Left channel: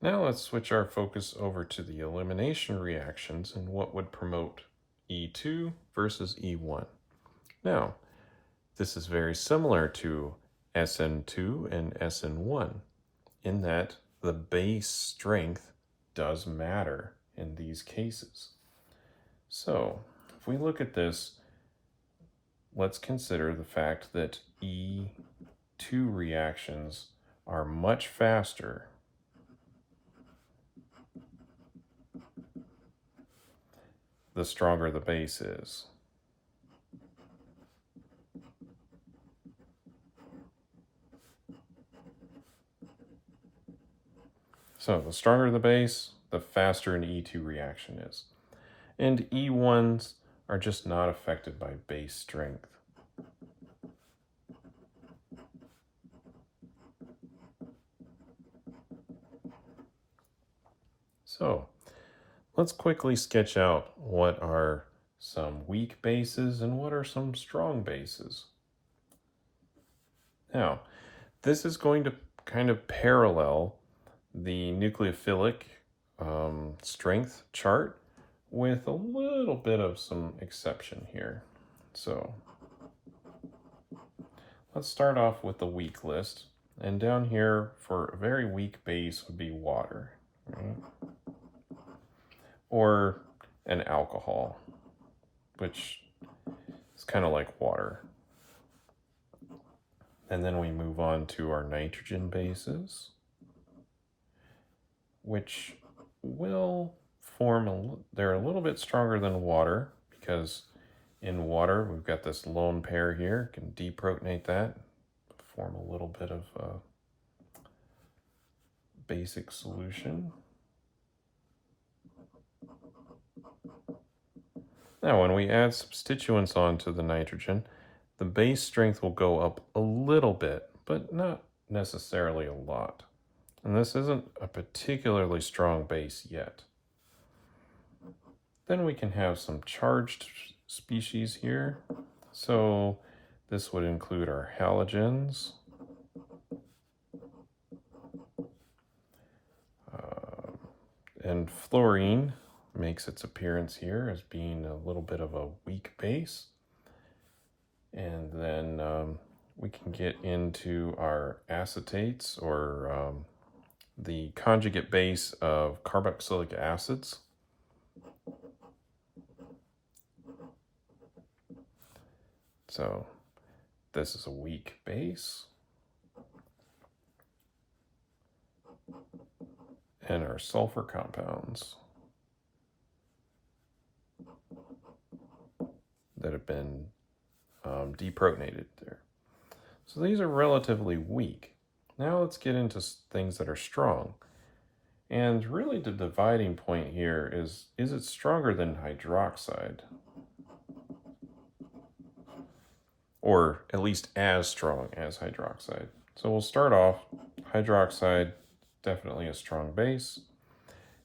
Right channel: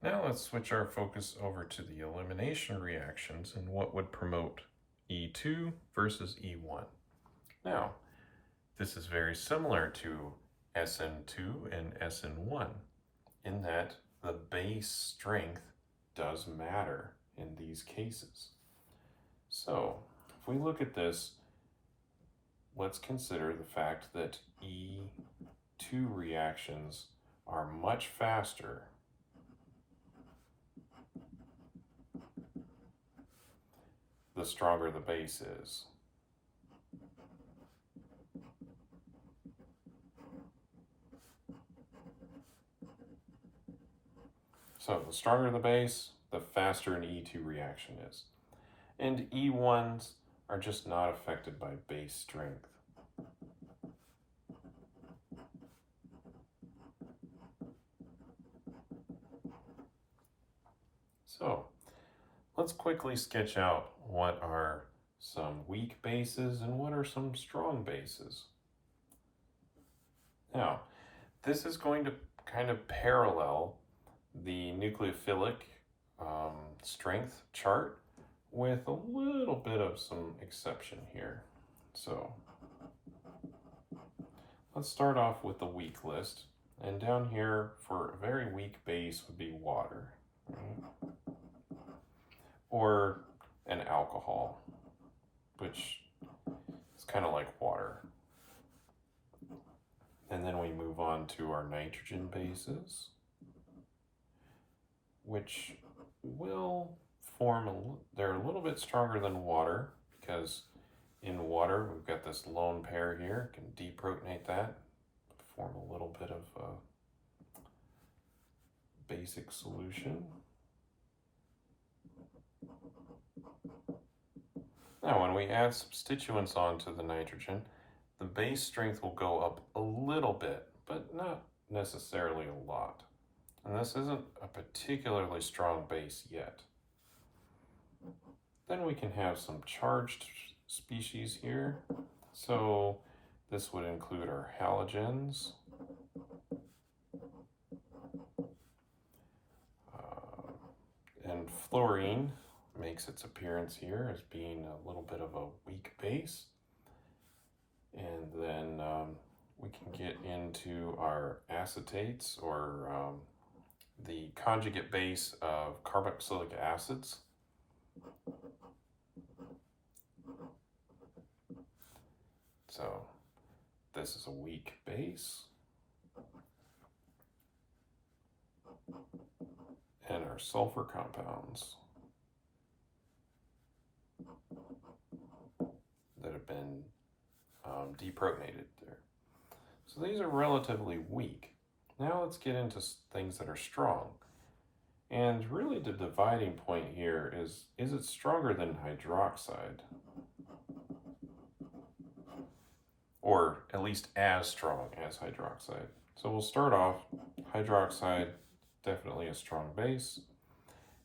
Now let's switch our focus over to the elimination reactions and what would promote E2 versus E1. Now, this is very similar to SN2 and SN1 in that the base strength does matter in these cases. So, if we look at this, let's consider the fact that E2 reactions are much faster the stronger the base is. So the stronger the base, the faster an E2 reaction is. And E1s are just not affected by base strength. So let's quickly sketch out what are some weak bases and what are some strong bases. Now, this is going to kind of parallel the nucleophilic strength chart with a little bit of some exception here. So let's start off with the weak list. And down here for a very weak base would be water, right? Or an alcohol, which is kind of like water. And then we move on to our nitrogen bases, which will form, they're a little bit stronger than water because in water we've got this lone pair here, can deprotonate that, form a little bit of a basic solution. Now when we add substituents onto the nitrogen, the base strength will go up a little bit, but not necessarily a lot. And this isn't a particularly strong base yet. Then we can have some charged species here. So this would include our halogens, and fluorine makes its appearance here as being a little bit of a weak base. And then we can get into our acetates, or the conjugate base of carboxylic acids. So this is a weak base. And our sulfur compounds that have been deprotonated there. So these are relatively weak. Now let's get into things that are strong. And really the dividing point here is it stronger than hydroxide? Or at least as strong as hydroxide. So we'll start off, hydroxide, definitely a strong base.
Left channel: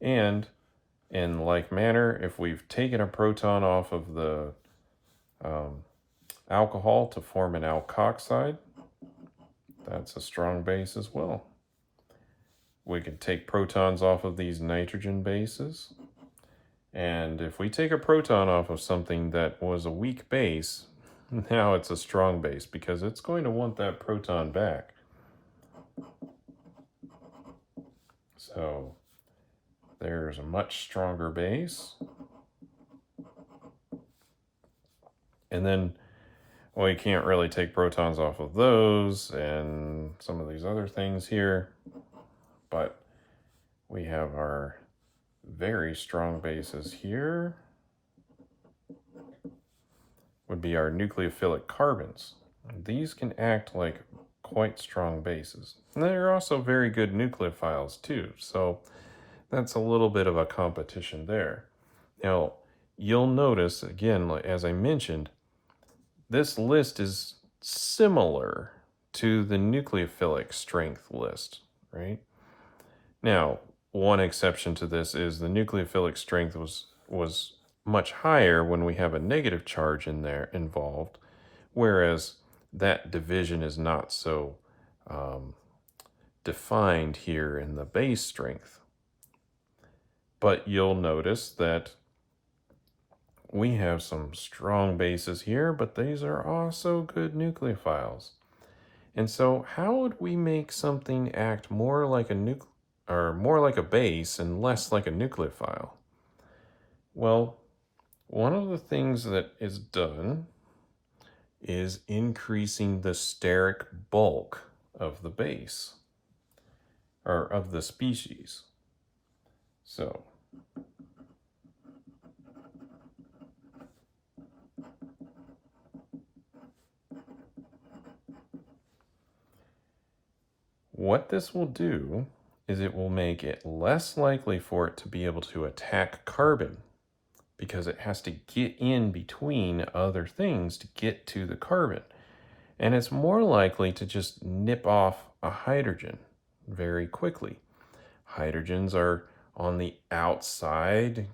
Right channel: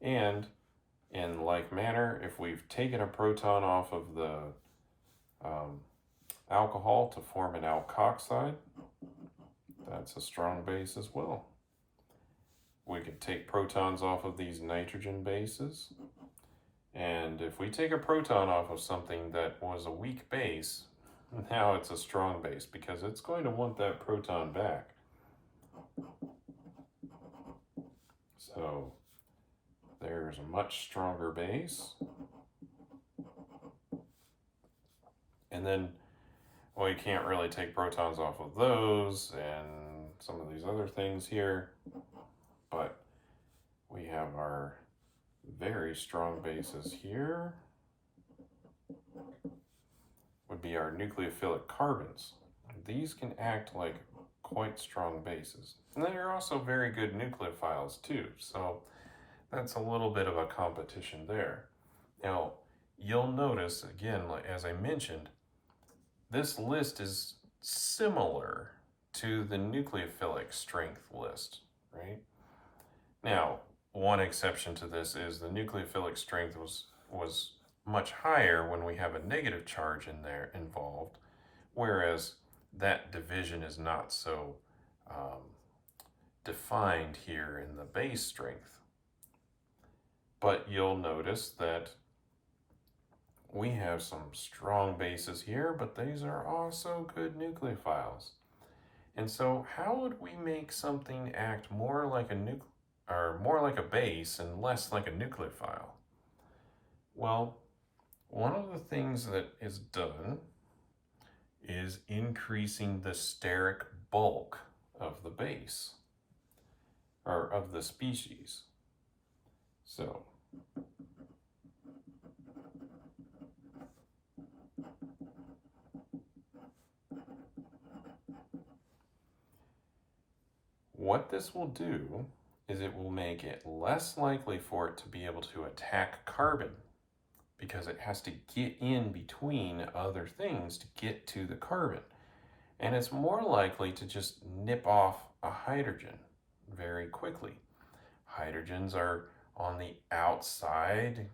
And in like manner, if we've taken a proton off of the alcohol to form an alkoxide, that's a strong base as well. We can take protons off of these nitrogen bases. And if we take a proton off of something that was a weak base, now it's a strong base because it's going to want that proton back. So there's a much stronger base. And then we can't really take protons off of those and some of these other things here, but we have our very strong bases here. Would be our nucleophilic carbons. These can act like quite strong bases. And they're also very good nucleophiles too, so that's a little bit of a competition there. Now, you'll notice, again, as I mentioned, this list is similar to the nucleophilic strength list, right? Now, one exception to this is the nucleophilic strength was much higher when we have a negative charge in there involved, whereas that division is not so defined here in the base strength. But you'll notice that we have some strong bases here, but these are also good nucleophiles. And so how would we make something act more like a base and less like a nucleophile? Well, one of the things that is done is increasing the steric bulk of the base, or of the species. So what this will do is it will make it less likely for it to be able to attack carbon, because it has to get in between other things to get to the carbon. And it's more likely to just nip off a hydrogen very quickly. Hydrogens are on the outside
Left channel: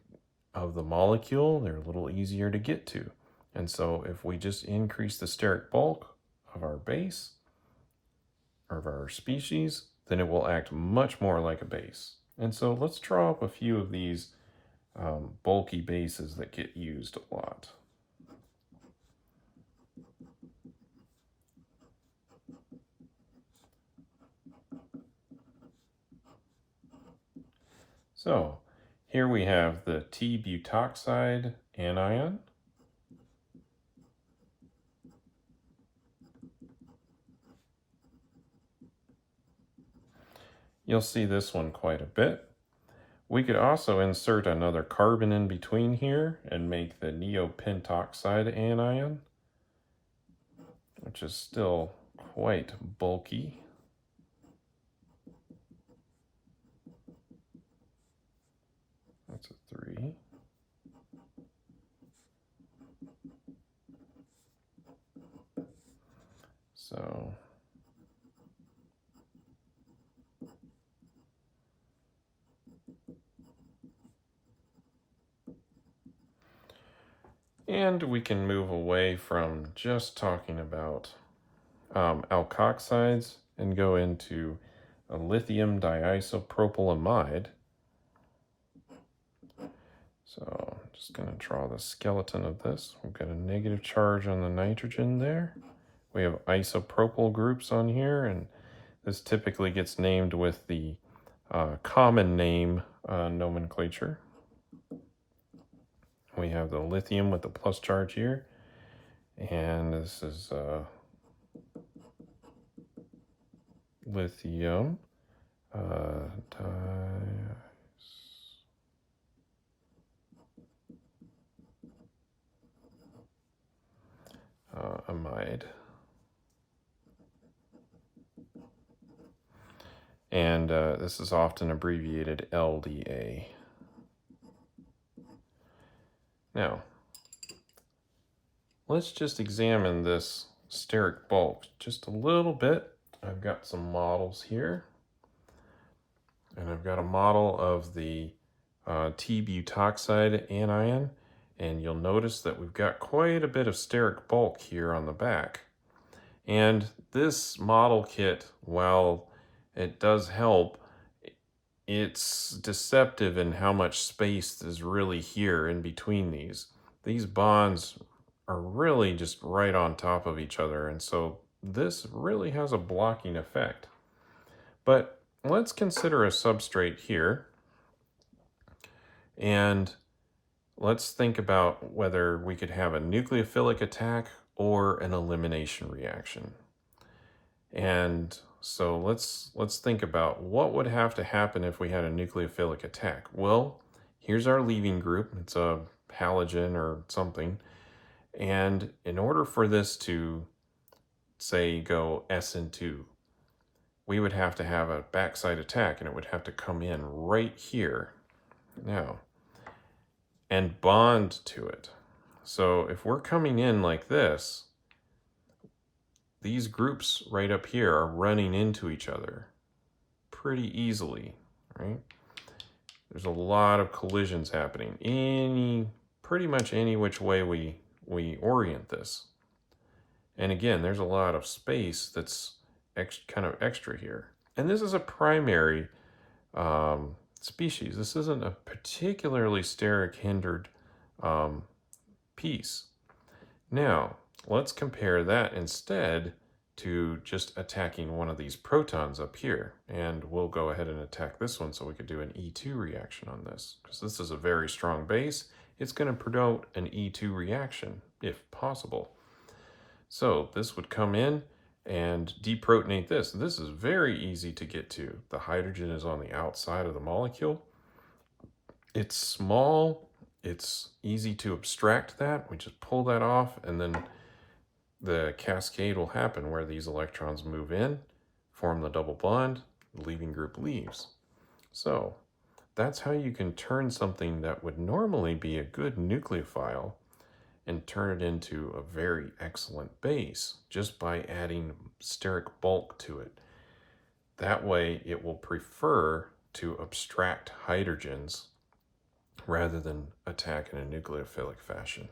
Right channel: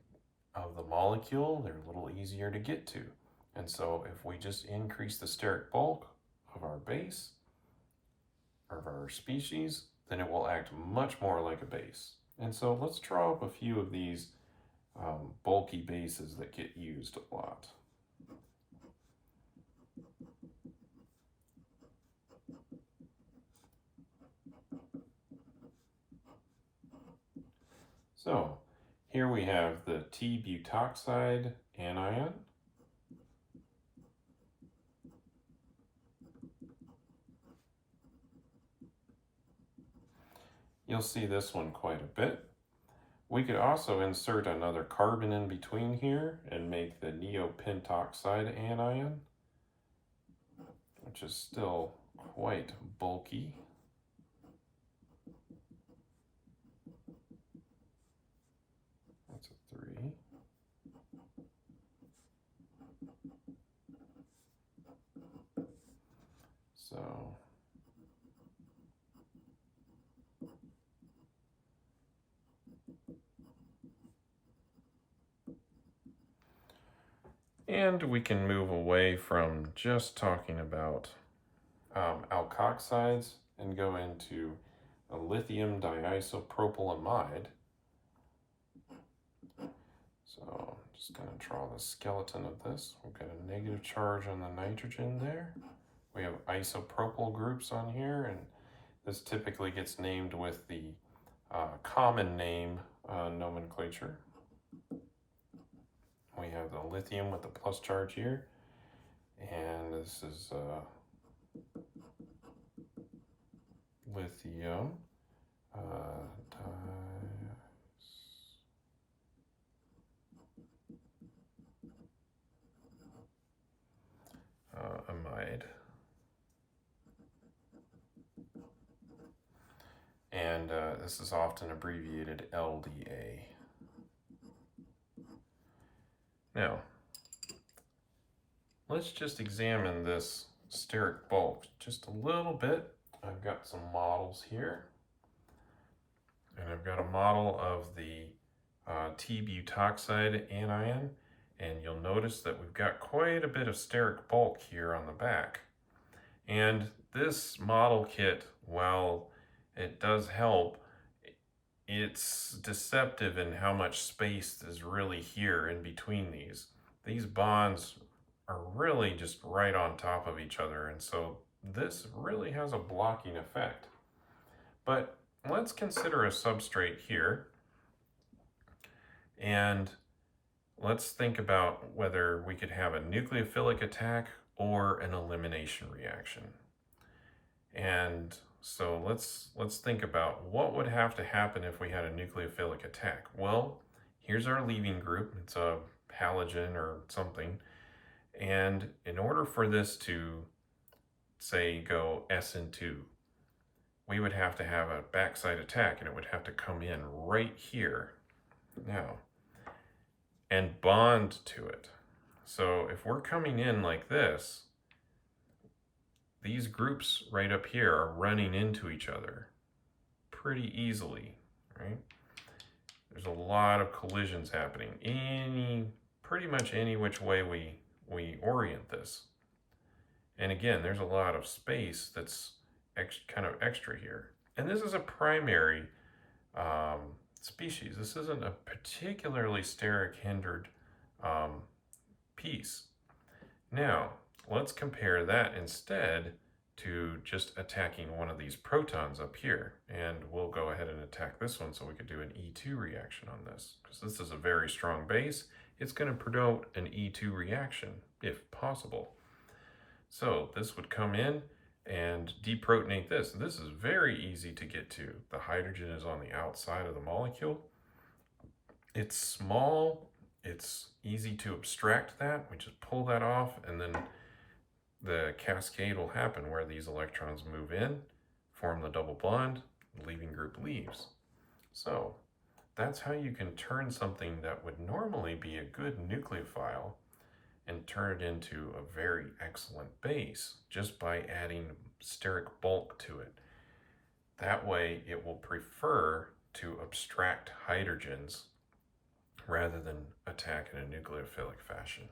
of the molecule. They're a little easier to get to. And so if we just increase the steric bulk of our base, of our species, then it will act much more like a base. And so let's draw up a few of these bulky bases that get used a lot. So here we have the T-butoxide anion. You'll see this one quite a bit. We could also insert another carbon in between here and make the neopentoxide anion, which is still quite bulky. That's a 3. So and we can move away from just talking about alkoxides and go into a lithium diisopropyl amide. So I'm just going to draw the skeleton of this. We've got a negative charge on the nitrogen there. We have isopropyl groups on here, and this typically gets named with the common name nomenclature. We have the lithium with the plus charge here, and this is lithium amide. And this is often abbreviated LDA. Now, let's just examine this steric bulk just a little bit. I've got some models here. And I've got a model of the T-butoxide anion. And you'll notice that we've got quite a bit of steric bulk here on the back. And this model kit, while it does help, it's deceptive in how much space is really here in between these. These bonds are really just right on top of each other, and so this really has a blocking effect. But let's consider a substrate here, and let's think about whether we could have a nucleophilic attack or an elimination reaction. And so let's think about what would have to happen if we had a nucleophilic attack. Well, here's our leaving group. It's a halogen or something. And in order for this to, say, go SN2, we would have to have a backside attack, and it would have to come in right here now and bond to it. So if we're coming in like this, these groups right up here are running into each other pretty easily, right? There's a lot of collisions happening pretty much any which way we orient this. And again, there's a lot of space that's kind of extra here. And this is a primary species. This isn't a particularly steric hindered piece. Now, let's compare that instead to just attacking one of these protons up here. And we'll go ahead and attack this one so we could do an E2 reaction on this. Because this is a very strong base, it's going to promote an E2 reaction, if possible. So this would come in and deprotonate this. This is very easy to get to. The hydrogen is on the outside of the molecule. It's small, it's easy to abstract that. We just pull that off, and then the cascade will happen where these electrons move in, form the double bond, the leaving group leaves. So that's how you can turn something that would normally be a good nucleophile and turn it into a very excellent base just by adding steric bulk to it. That way it will prefer to abstract hydrogens rather than attack in a nucleophilic fashion.